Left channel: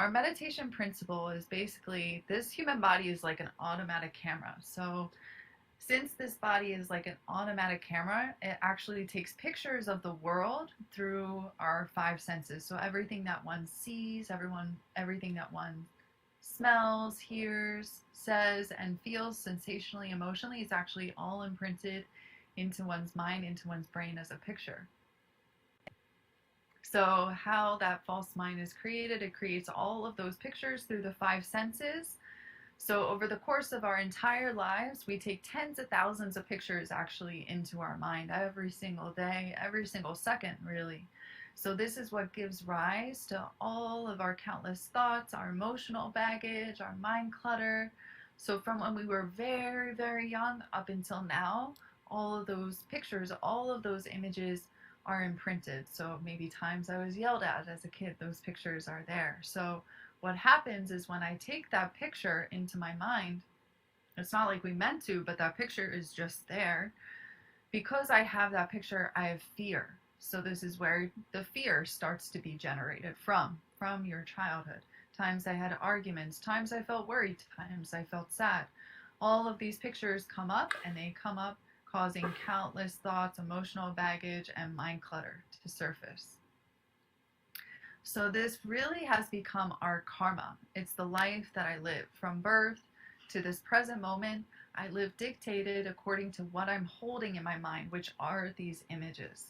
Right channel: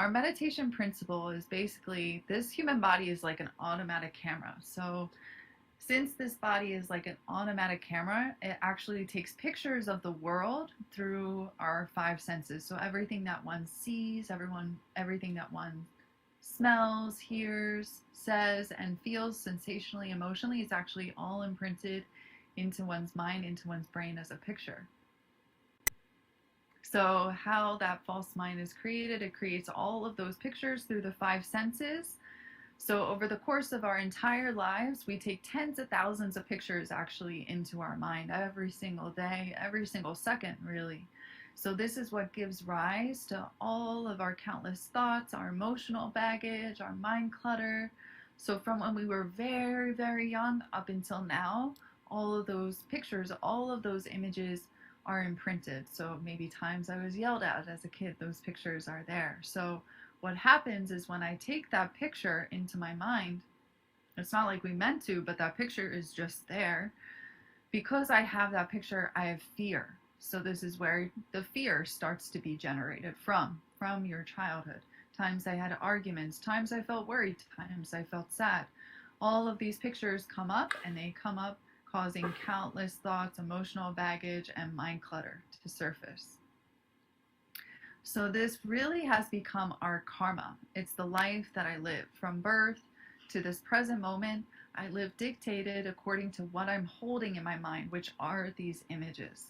our meditation principle is basically this human body is like an automatic camera. So since this body is like an automatic camera, it actually takes pictures of the world through our five senses. So everything that one sees, everything that one smells, hears, says, and feels sensationally, emotionally is actually all imprinted into one's mind, into one's brain as a picture. So how that false mind is created, it creates all of those pictures through the five senses. So over the course of our entire lives, we take tens of thousands of pictures actually into our mind every single day, every single second, really. So this is what gives rise to all of our countless thoughts, our emotional baggage, our mind clutter. So from when we were very, very young up until now, all of those pictures, all of those images are imprinted. So maybe times I was yelled at as a kid, those pictures are there. So what happens is when I take that picture into my mind, it's not like we meant to, but that picture is just there. Because I have that picture, I have fear. So this is where the fear starts to be generated from your childhood. Times I had arguments, times I felt worried, times I felt sad. All of these pictures come up, and they come up causing countless thoughts, emotional baggage, and mind clutter to surface. So this really has become our karma. It's the life that I live. From birth to this present moment, I live dictated according to what I'm holding in my mind, which are these images.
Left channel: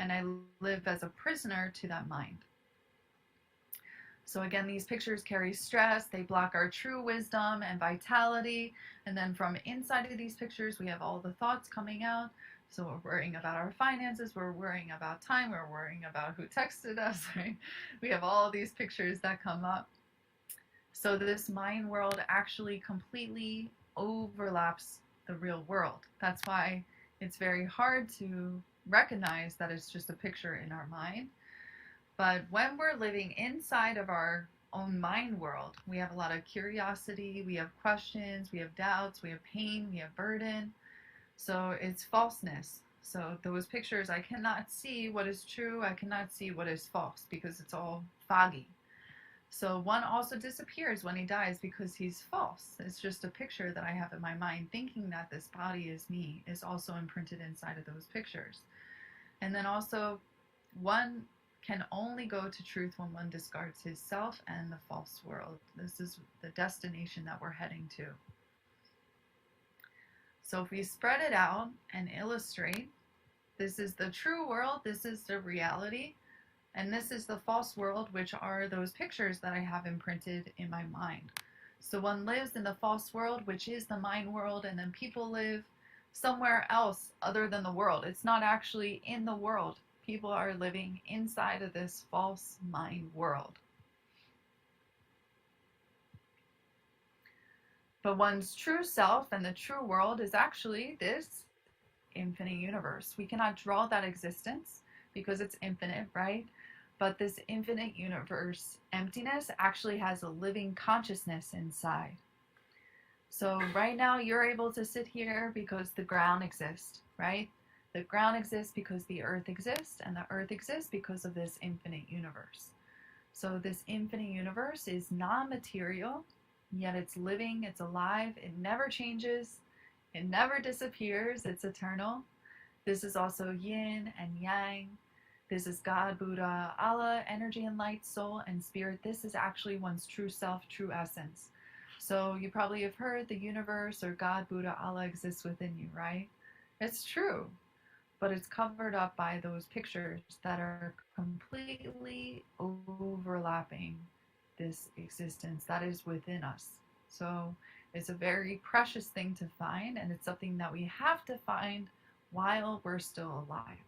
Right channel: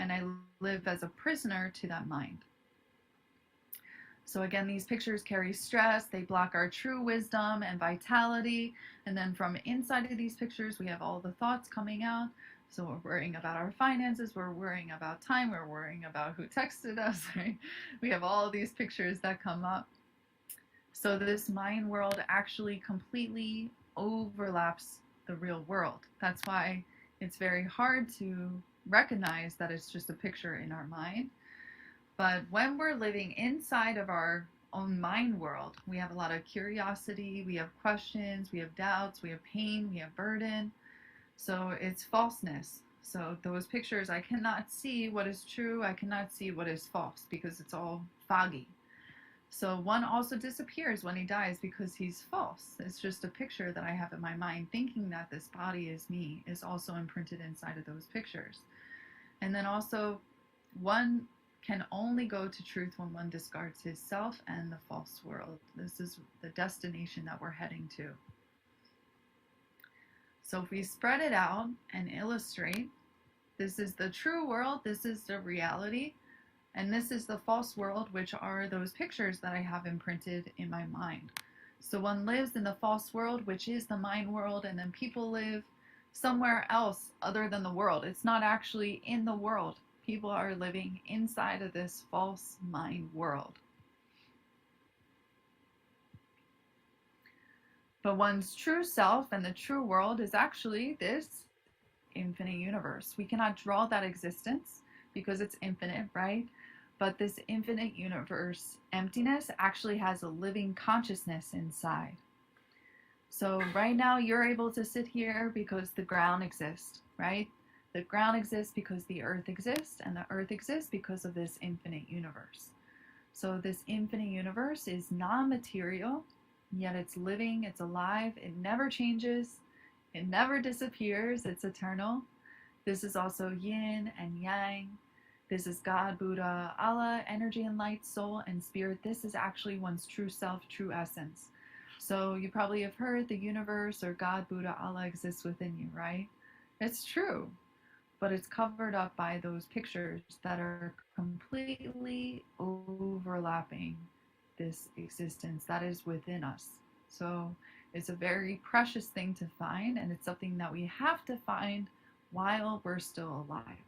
And I live as a prisoner to that mind. So again, these pictures carry stress, they block our true wisdom and vitality. And then from inside of these pictures, we have all the thoughts coming out. So we're worrying about our finances, we're worrying about time, we're worrying about who texted us, right? We have all these pictures that come up. So this mind world actually completely overlaps the real world. That's why it's very hard to recognize that it's just a picture in our mind. But when we're living inside of our own mind world, we have a lot of curiosity, we have questions, we have doubts, we have pain, we have burden. So it's falseness. So those pictures, I cannot see what is true, I cannot see what is false because it's all foggy. So one also disappears when he dies because he's false. It's just a picture that I have in my mind. Thinking that this body is me is also imprinted inside of those pictures. And then also, one can only go to truth when one discards his self and the false world. This is the destination that we're heading to. So if we spread it out and illustrate, this is the true world, this is the reality, and this is the false world, which are those pictures that I have imprinted in my mind. So one lives in the false world, which is the mind world, and then people live somewhere else other than the world. It's not actually in the world. People are living inside of this false mind world. But one's true self and the true world is actually this infinite universe. We cannot draw that existence because it's infinite, right? But this infinite universe emptiness actually has a living consciousness inside. So right now you're able to sit here because the ground exists, right? The ground exists because the earth exists, and the earth exists because of this infinite universe. So this infinite universe is non-material, yet it's living, it's alive, it never changes, it never disappears, it's eternal. This is also yin and yang. This is God, Buddha, Allah, energy and light, soul and spirit. This is actually one's true self, true essence. So you probably have heard the universe or God, Buddha, Allah exists within you, right? It's true, but it's covered up by those pictures that are completely overlapping this existence that is within us. So it's a very precious thing to find, and it's something that we have to find while we're still alive.